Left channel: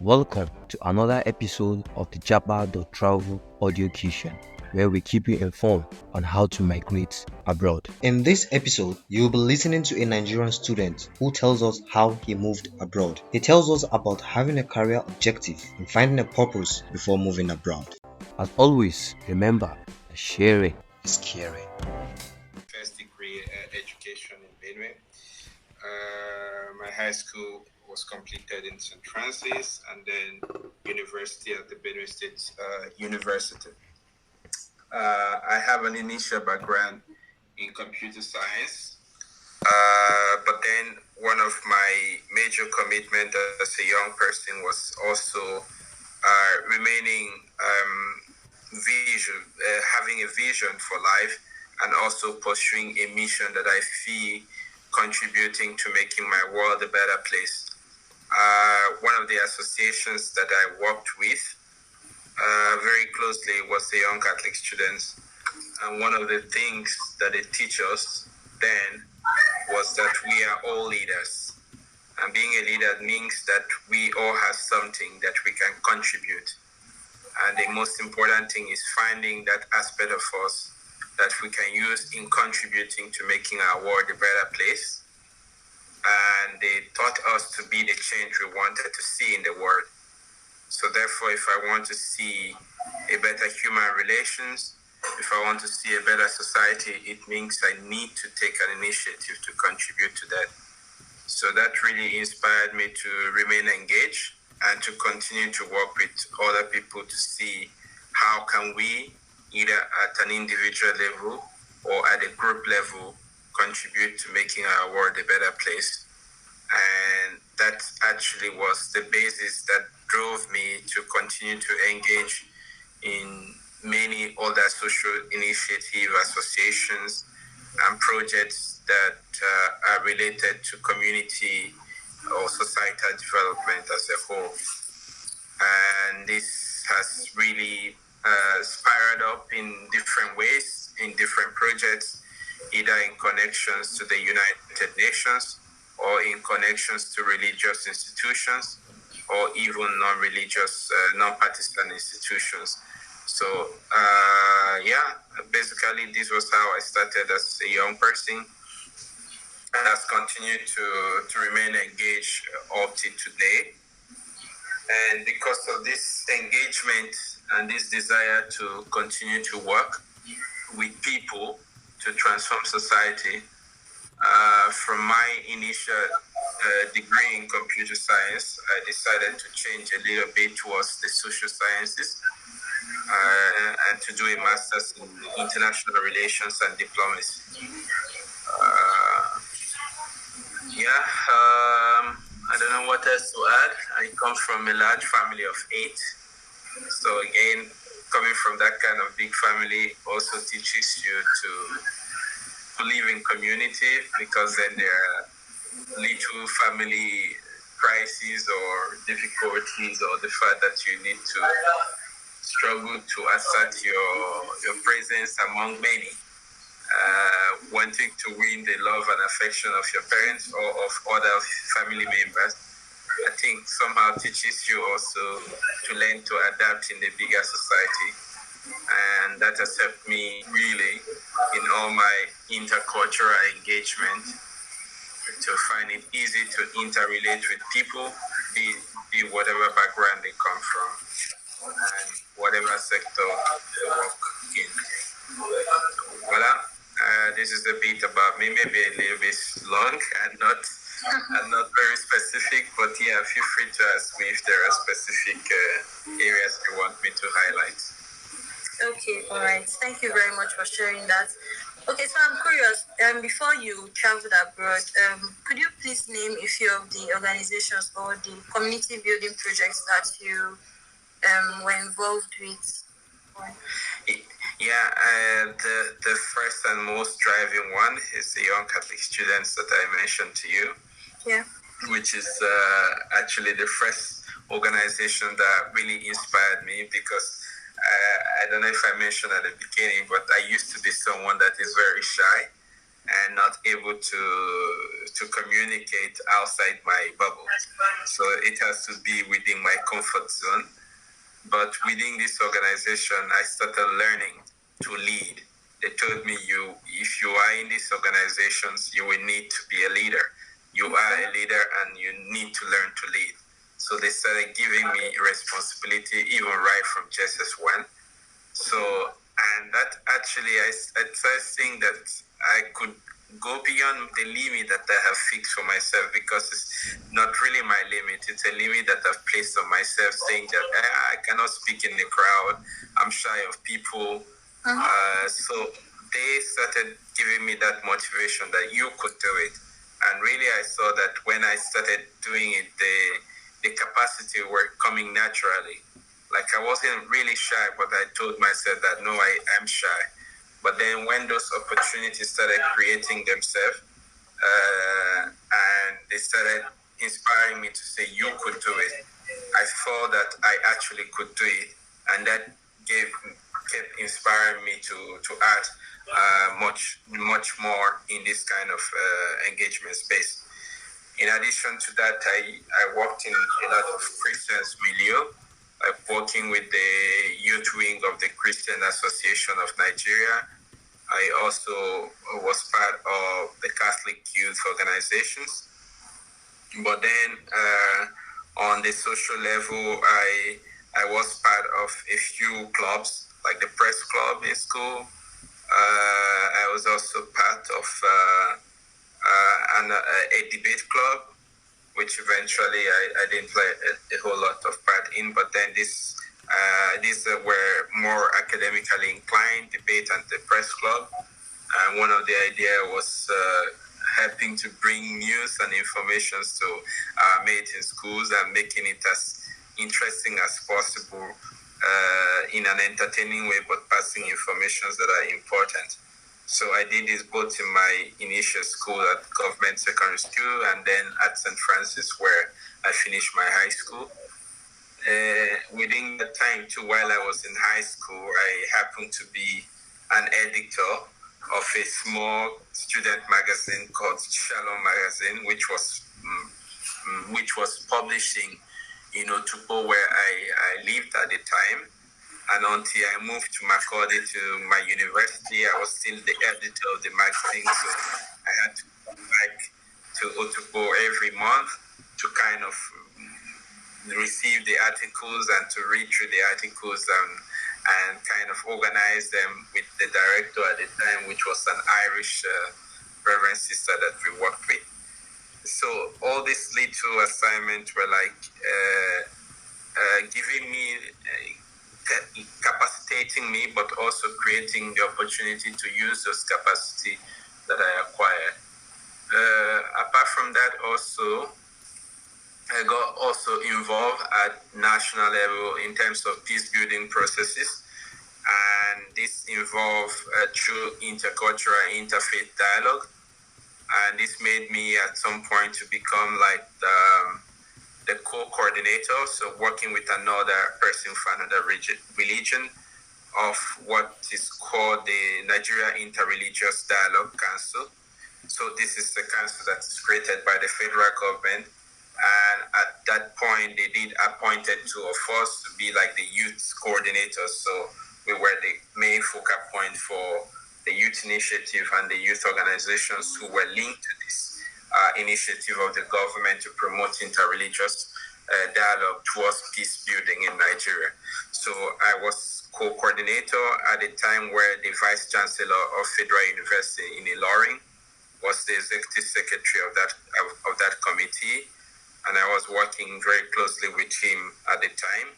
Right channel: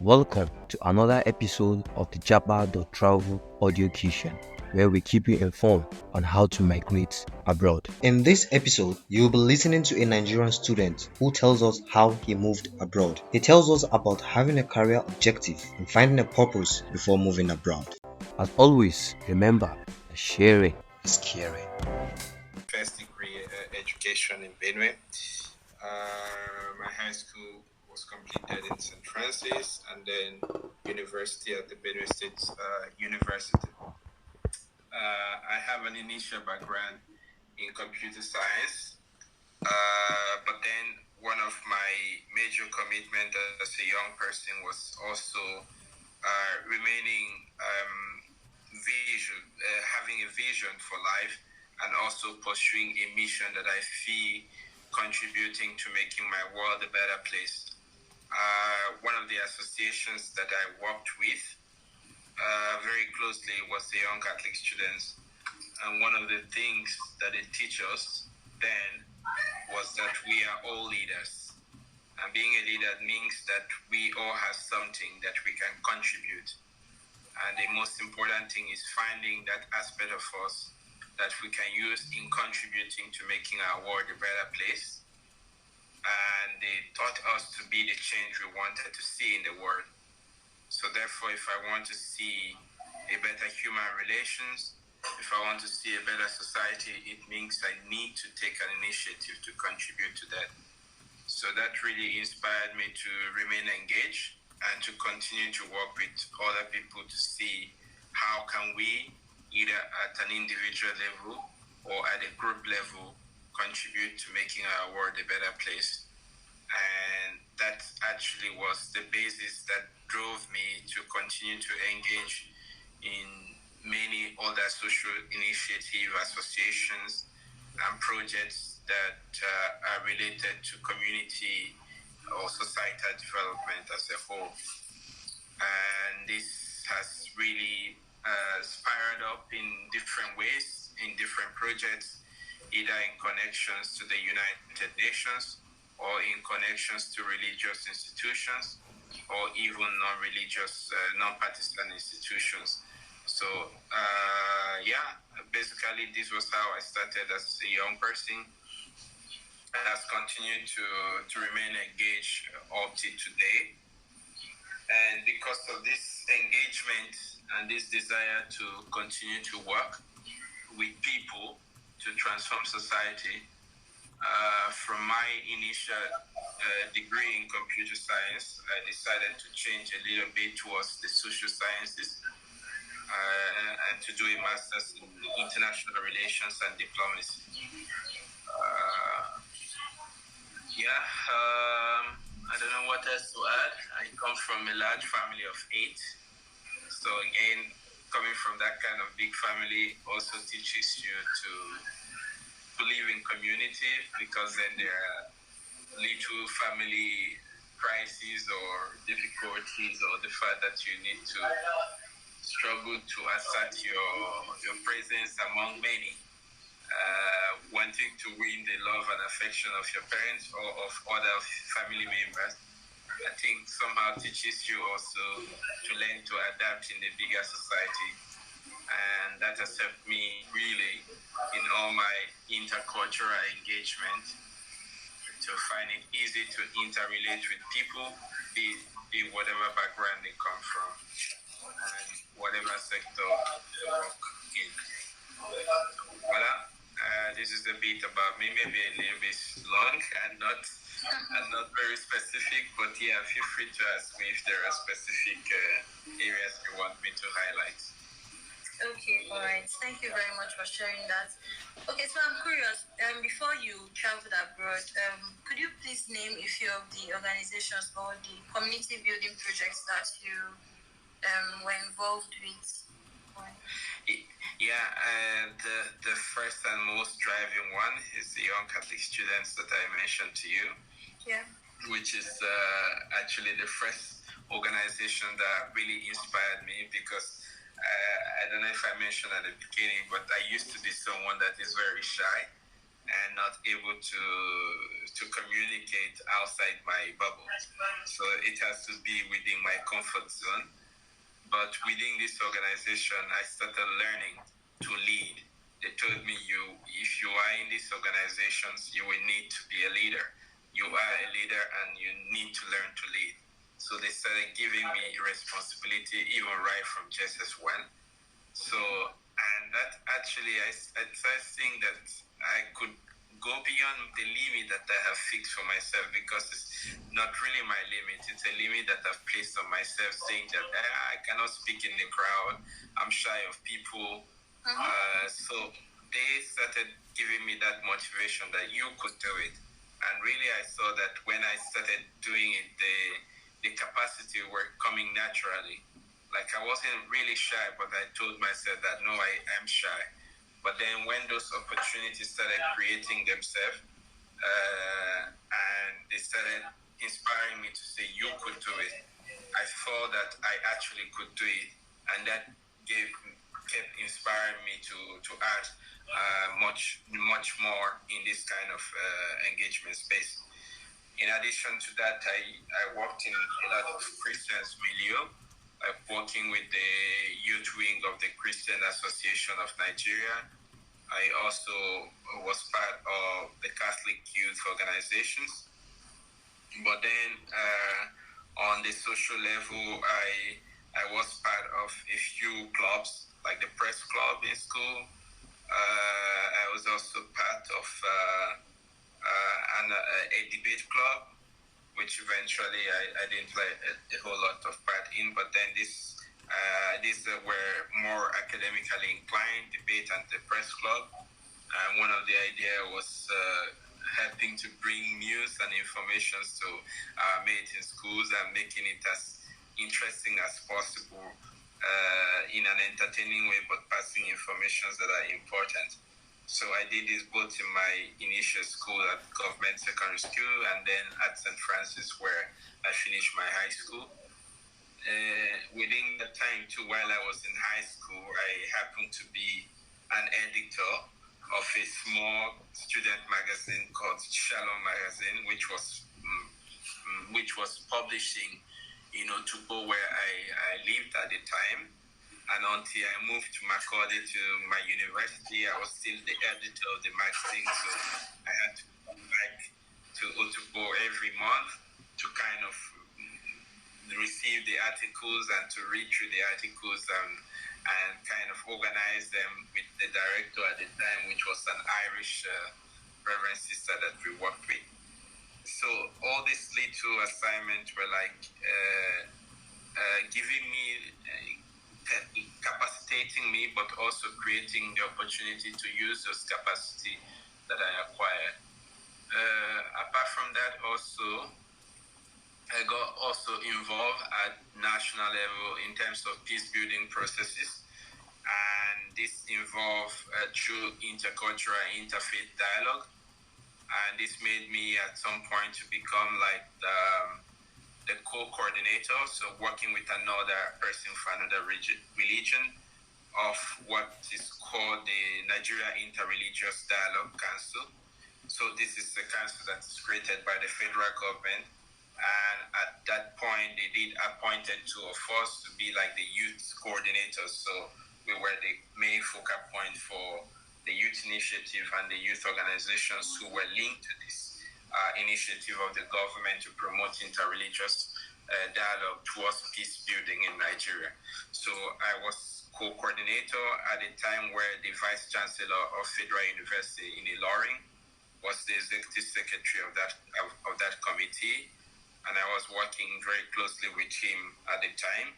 Welcome to another episode of the Japa Travel audio kitchen, where we keep you informed on how to migrate abroad. In this episode, you'll be listening to a Nigerian student who tells us how he moved abroad. He tells us about having a career objective and finding a purpose before moving abroad. As always, remember that sharing is caring. First degree education in Benue. My high school was completed in St. Francis, and then university at the Benue State University. I have an initial background in computer science, but then one of my major commitments as a young person was also remaining having a vision for life, and also pursuing a mission that I feel contributing to making my world a better place. One of the associations that I worked with very closely was the Young Catholic Students. And one of the things that they teach us then was that we are all leaders. And being a leader means that we all have something that we can contribute. And the most important thing is finding that aspect of us that we can use in contributing to making our world a better place. And they taught us to be the change we wanted to see in the world. So therefore, if I want to see a better human relations, if I want to see a better society, it means I need to take an initiative to contribute to that. So that really inspired me to remain engaged and to continue to work with other people to see how can we, either at an individual level or at a group level, contribute to making our world a better place. And that actually was the basis that drove me to continue to engage in many other social initiative associations and projects that are related to community or societal development as a whole. And this has really spiraled up in different ways, in different projects, either in connections to the United Nations or in connections to religious institutions or even non-religious, non-partisan institutions. So, basically this was how I started as a young person, and has continued to remain engaged up to today. And because of this engagement and this desire to continue to work with people to transform society, from my initial degree in computer science, I decided to change a little bit towards the social sciences and to do a master's in international relations and diplomacy. I don't know what else to add. I come from a large family of 8. So again, coming from that kind of big family also teaches you to live in community, because then there are little family crises or difficulties, or the fact that you need to struggle to assert your presence among many. Wanting to win the love and affection of your parents or of other family members, I think somehow teaches you also to learn to adapt in the bigger society. And that has helped me really in all my intercultural engagement to find it easy to interrelate with people, be whatever background they come from and whatever sector they work in. Voila. This is a bit about me, maybe a little bit long and not very specific, but yeah, feel free to ask me if there are specific areas you want me to highlight. Okay, all right. Thank you very much for sharing that. Okay, so I'm curious. Before you traveled abroad, could you please name a few of the organizations or the community building projects that you were involved with? The first and most driving one is the Young Catholic Students that I mentioned to you. Yeah. Which is actually the first organization that really inspired me, because I don't know if I mentioned at the beginning, but I used to be someone that is very shy. and not able to communicate outside my bubble. So it has to be within my comfort zone. But within this organization, I started learning to lead. They told me, if you are in these organizations, you will need to be a leader. You are a leader and you need to learn to lead. So they started giving me responsibility even right from JSS1. So, and that actually, I started seeing that I could go beyond the limit that I have fixed for myself, because it's not really my limit. It's a limit that I've placed on myself, saying that I cannot speak in the crowd. I'm shy of people. So they started giving me that motivation that you could do it. And really, I saw that when I started doing it, the capacity were coming naturally. Like, I wasn't really shy, but I told myself that no, I am shy. But then when those opportunities started creating themselves, and they started inspiring me to say, you could do it, I thought that I actually could do it. And that kept inspiring me to add much more in this kind of engagement space. In addition to that, I worked in a lot of Christians milieu, like working with the youth wing of the Christian Association of Nigeria. I also was part of the Catholic youth organizations. But then on the social level, I was part of a few clubs, like the press club in school. I was also part of a debate club, which eventually I didn't play a whole lot of part in. But then these were more academically inclined, debate and the press club. And one of the idea was helping to bring news and information to our mates in schools and making it as interesting as possible in an entertaining way, but passing information that are important. So I did this both in my initial school at Government Secondary School and then at St. Francis, where I finished my high school. Within that time too, while I was in high school, I happened to be an editor of a small student magazine called Shalom Magazine, which was publishing in Otupo, where I lived at the time. And until I moved to Makurdi to my university, I was still the editor of the magazine. So I had to come back to Otupo every month to kind of receive the articles and to read through the articles and kind of organize them with the director at the time, which was an Irish reverend sister that we worked with. So all these little assignments were like giving me, capacitating me, but also creating the opportunity to use those capacity that I acquired. Apart from that, also, I got also involved at national level in terms of peace building processes. And this involved true intercultural, interfaith dialogue. And this made me at some point to become like the co-coordinator, so working with another person from another religion of what is called the Nigeria Interreligious Dialogue Council. So this is the council that is created by the federal government. And at that point, they did appointed two of us to be like the youth coordinators. So we were the main focal point for the youth initiative and the youth organizations who were linked to this initiative of the government to promote interreligious dialogue towards peace building in Nigeria. So I was co-coordinator at a time where the Vice Chancellor of Federal University in Ilorin was the executive secretary of that committee, and I was working very closely with him at the time,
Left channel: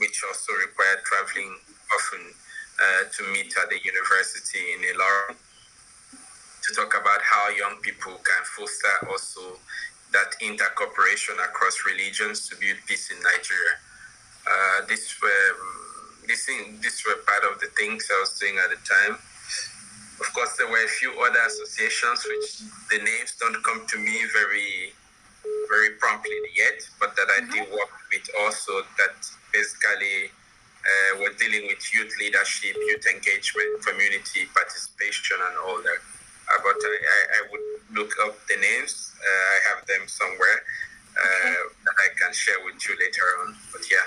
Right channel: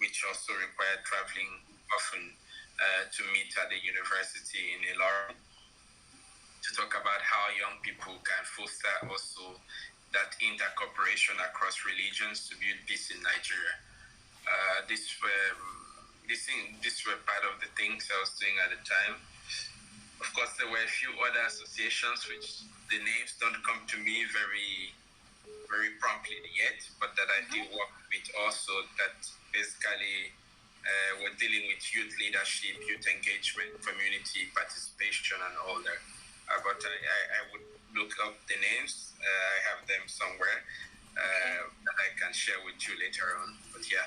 which also required traveling often to meet at the university in Ilorin to talk about how young people can foster also that intercooperation across religions to build peace in Nigeria. These were part of the things I was doing at the time. Of course, there were a few other associations which the names don't come to me very, very promptly yet, but that I did work with also, that basically were dealing with youth leadership, youth engagement, community participation, and all that. but I would look up the names. I have them somewhere that I can share with you later on. But yeah.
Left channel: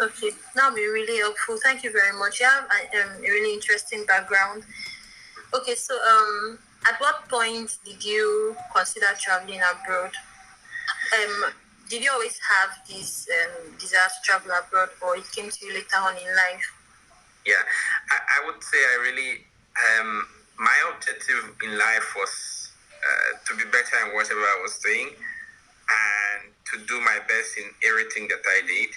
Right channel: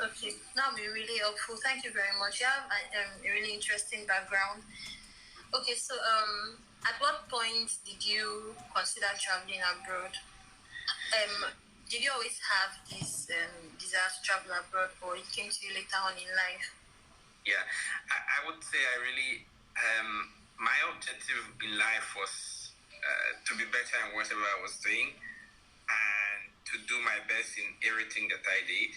Okay, that'll be really helpful. Thank you very much. You have a really interesting background. Okay, so at what point did you consider traveling abroad? Did you always have this desire to travel abroad, or it came to you later on in life? Yeah, I would say I really, my objective in life was to be better in whatever I was doing and to do my best in everything that I did.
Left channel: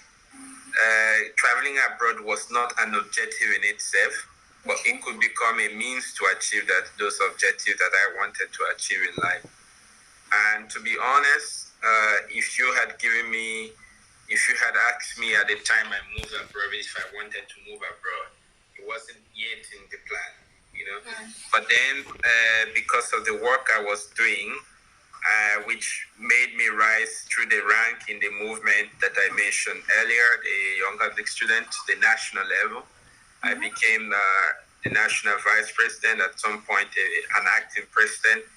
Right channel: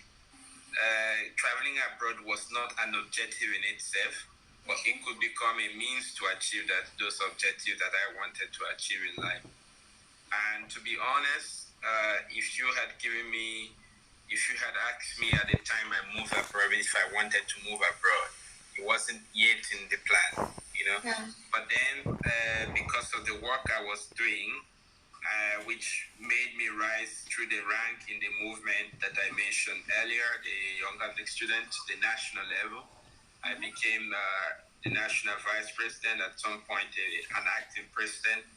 Traveling abroad was not an objective in itself, but it could become a means to achieve those objectives that I wanted to achieve in life. And to be honest, if you had asked me at the time I moved abroad if I wanted to move abroad, it wasn't yet in the plan, you know. Yeah. But then, because of the work I was doing, which made me rise through the rank in the movement that I mentioned earlier, the Young Catholic student, the national level. I became the national vice president, at some point an acting president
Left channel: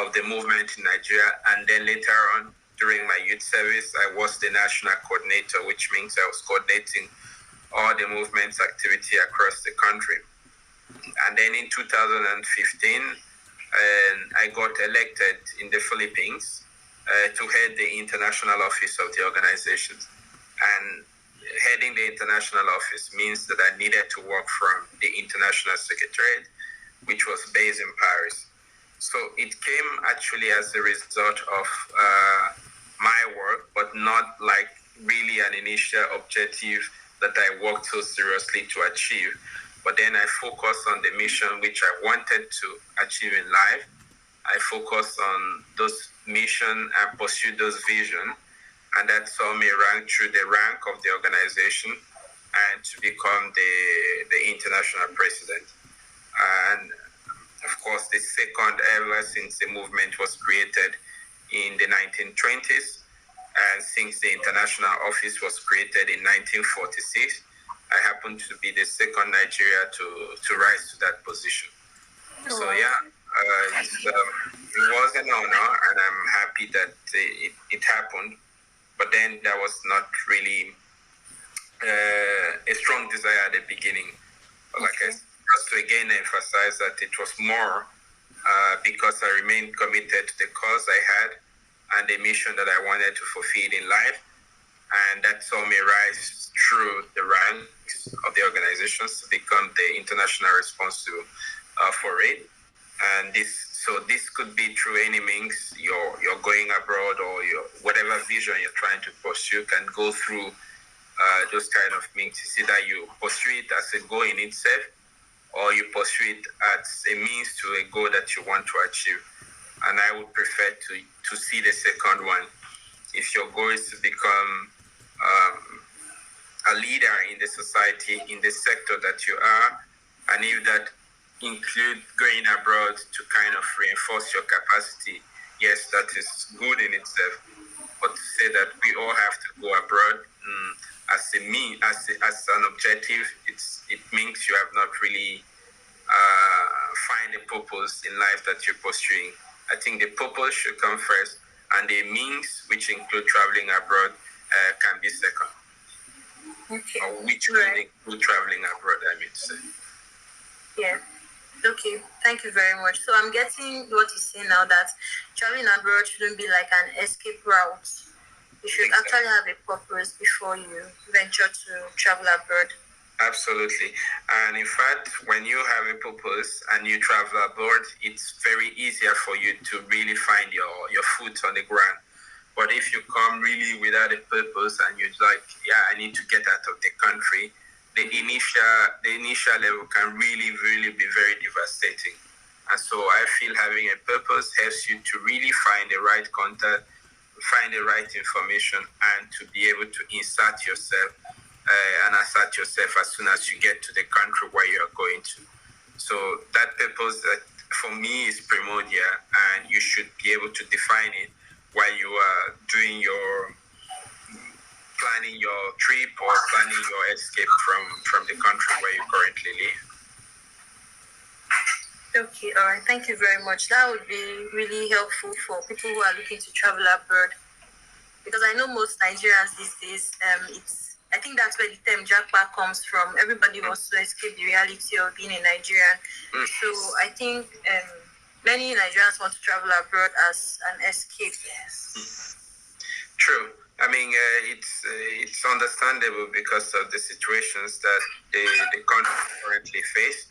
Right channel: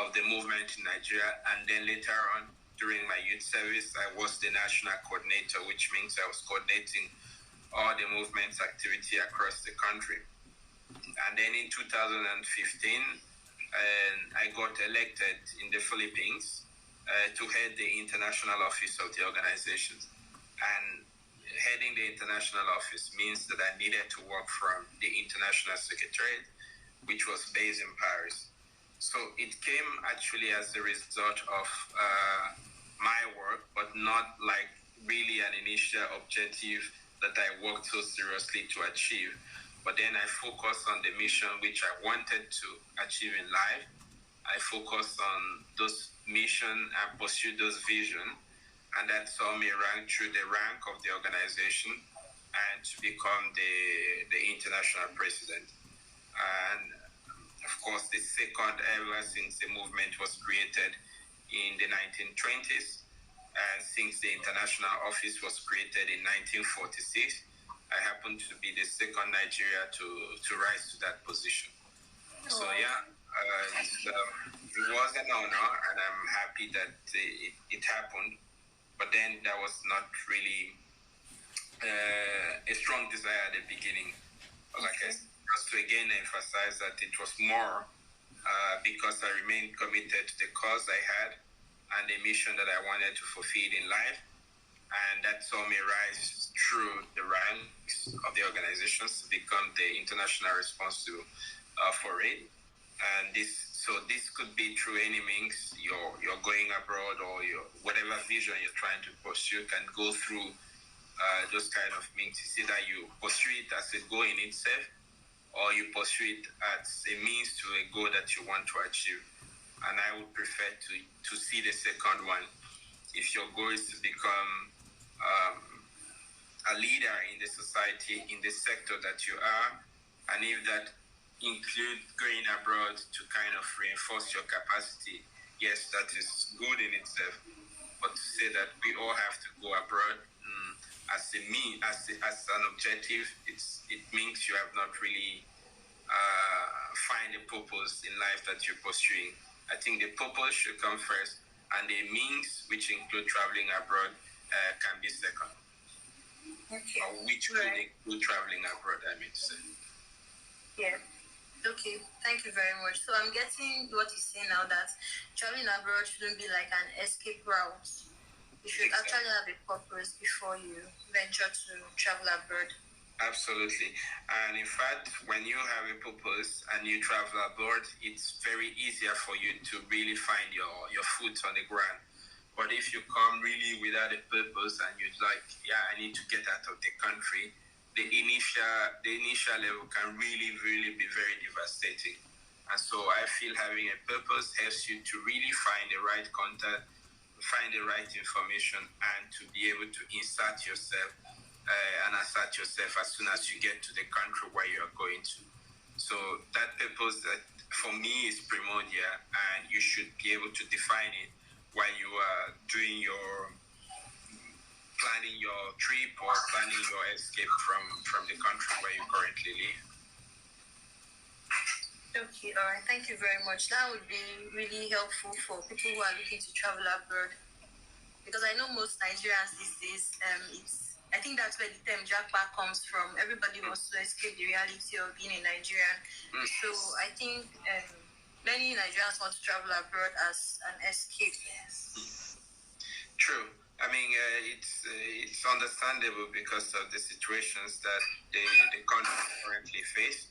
of the movement in Nigeria, and then later on during my youth service I was the national coordinator, which means I was coordinating all the movement's activity across the country. And then in 2015 I got elected in the Philippines to head the international office of the organization. And heading the international office means that I needed to work from the international secretariat, which was based in Paris. So it came actually as a result of my work, but not like really an initial objective that I worked so seriously to achieve. But then I focused on the mission which I wanted to achieve in life. I focused on those mission and pursued those vision, and that saw me rank through the rank of the organization and to become the international president. And of course, the second ever since the movement was created in the 1920s, and since the international office was created in 1946, I happen to be the second Nigeria to rise to that position. So yeah, it was an honor, and I'm happy that it happened. But then there was not really a strong desire at the beginning. But like I said, just to again emphasize that it was more because I remained committed to the cause I had and the mission that I wanted to fulfill in life. And that saw me rise through the ranks of the organizations to become the international response for it. And this could be through any means you're going abroad, or whatever vision you're trying to pursue can go through those kind of means. It's either you pursue it as a goal in itself, or you pursue it as a means to a goal that you want to achieve. And I would prefer to see the second one. If your goal is to become a leader in the society, in the sector that you are, and if that include going abroad to kind of reinforce your capacity, yes, that is good in itself. But to say that we all have to go abroad as an objective, it means you have not really find a purpose in life that you're pursuing. I think the purpose should come first, and the means, which include traveling abroad, can be second. Okay. Or which could include traveling abroad, I mean to say. Yeah. Okay, thank you very much. So I'm getting what you say now, that traveling abroad shouldn't be like an escape route. You should actually have a purpose before you venture to travel abroad. Absolutely. And in fact, when you have a purpose and you travel abroad, it's very easier for you to really find your foot on the ground. But if you come really without a purpose and you're like, I need to get out of the country, the initial level can really, really be very devastating. And so I feel having a purpose helps you to really find the right contact, find the right information, and to be able to insert yourself and assert yourself as soon as you get to the country where you are going to. So that purpose, that for me, is primordial, and you should be able to define it while you are doing your planning your trip or planning your escape from the country where you currently live. Okay, all right. Thank you very much. That would be really helpful for people who are looking to travel abroad, because I know most Nigerians these days, I think that's where the term jackpot comes from. Everybody wants to escape the reality of being a Nigerian. So I think many Nigerians want to travel abroad as an escape. True. I mean, it's understandable because of the situations that the country currently face,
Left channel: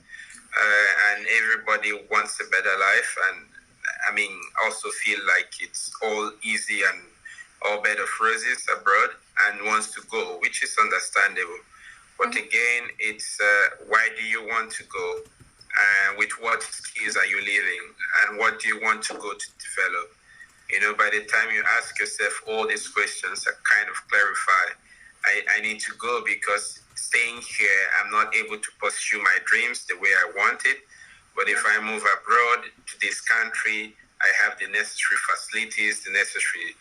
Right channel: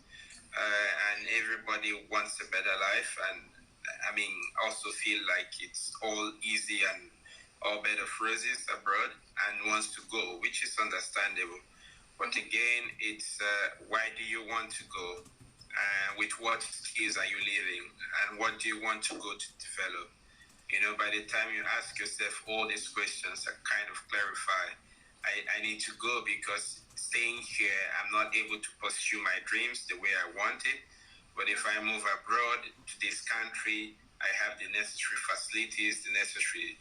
and everybody wants a better life, and I mean, also feel like it's all easy and all bed of roses abroad, and wants to go, which is understandable. But again, it's why do you want to go? With what skills are you living? And what do you want to go to develop? By the time you ask yourself all these questions, that kind of clarify, I need to go because staying here, I'm not able to pursue my dreams the way I want it. But if I move abroad to this country, I have the necessary facilities, the necessary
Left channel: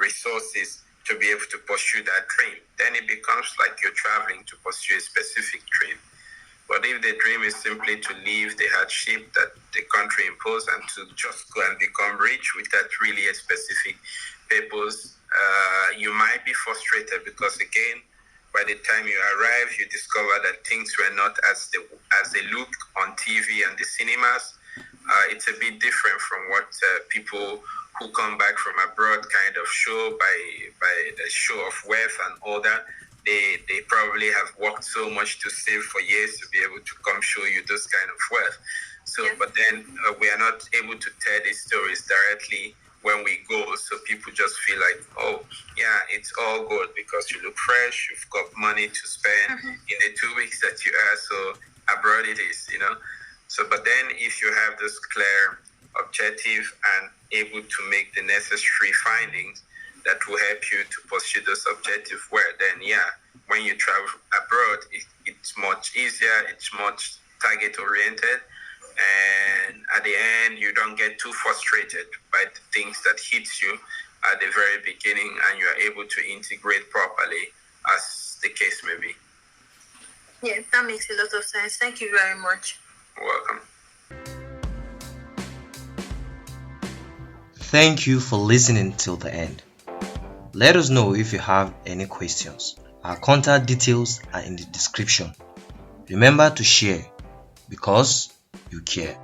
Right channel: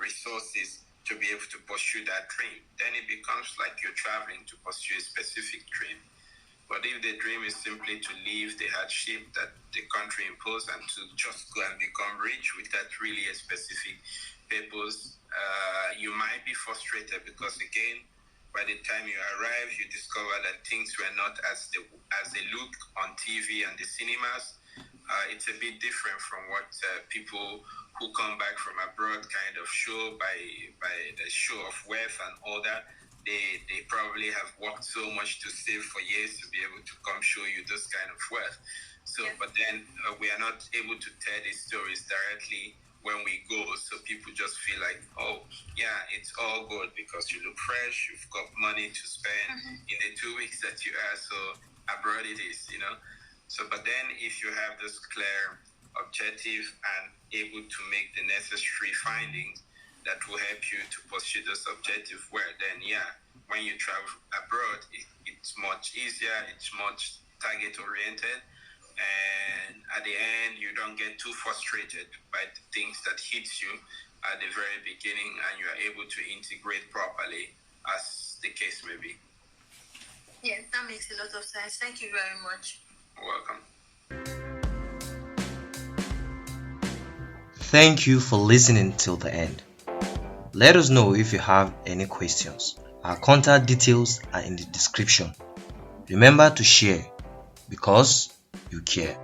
resources to be able to pursue that dream. Then it becomes like you're traveling to pursue a specific dream. But if the dream is simply to leave the hardship that the country imposed and to just go and become rich without really a specific purpose, you might be frustrated because, again, by the time you arrive, you discover that things were not as they look on TV and the cinemas. It's a bit different from what people who come back from abroad kind of show by the show of wealth and all that. They probably have worked so much to save for years to be able to come show you those kind of wealth. So, but then we are not able to tell these stories directly when we go. So people just feel like, oh, yeah, it's all good because you look fresh, you've got money to spend in the 2 weeks that you are. So abroad it is, So, but then if you have this clear objective and able to make the necessary findings that will help you to pursue those objectives, where then, when you travel abroad, it's much easier, it's much target oriented, and at the end, you don't get too frustrated by the things that hits you at the very beginning, and you are able to integrate properly, as the case may be. Yeah, that makes a lot of sense. Thank you very much. You're welcome. Thank you for listening till the end. Let us know if you have any questions. Our contact details are in the description. Remember to share because you care.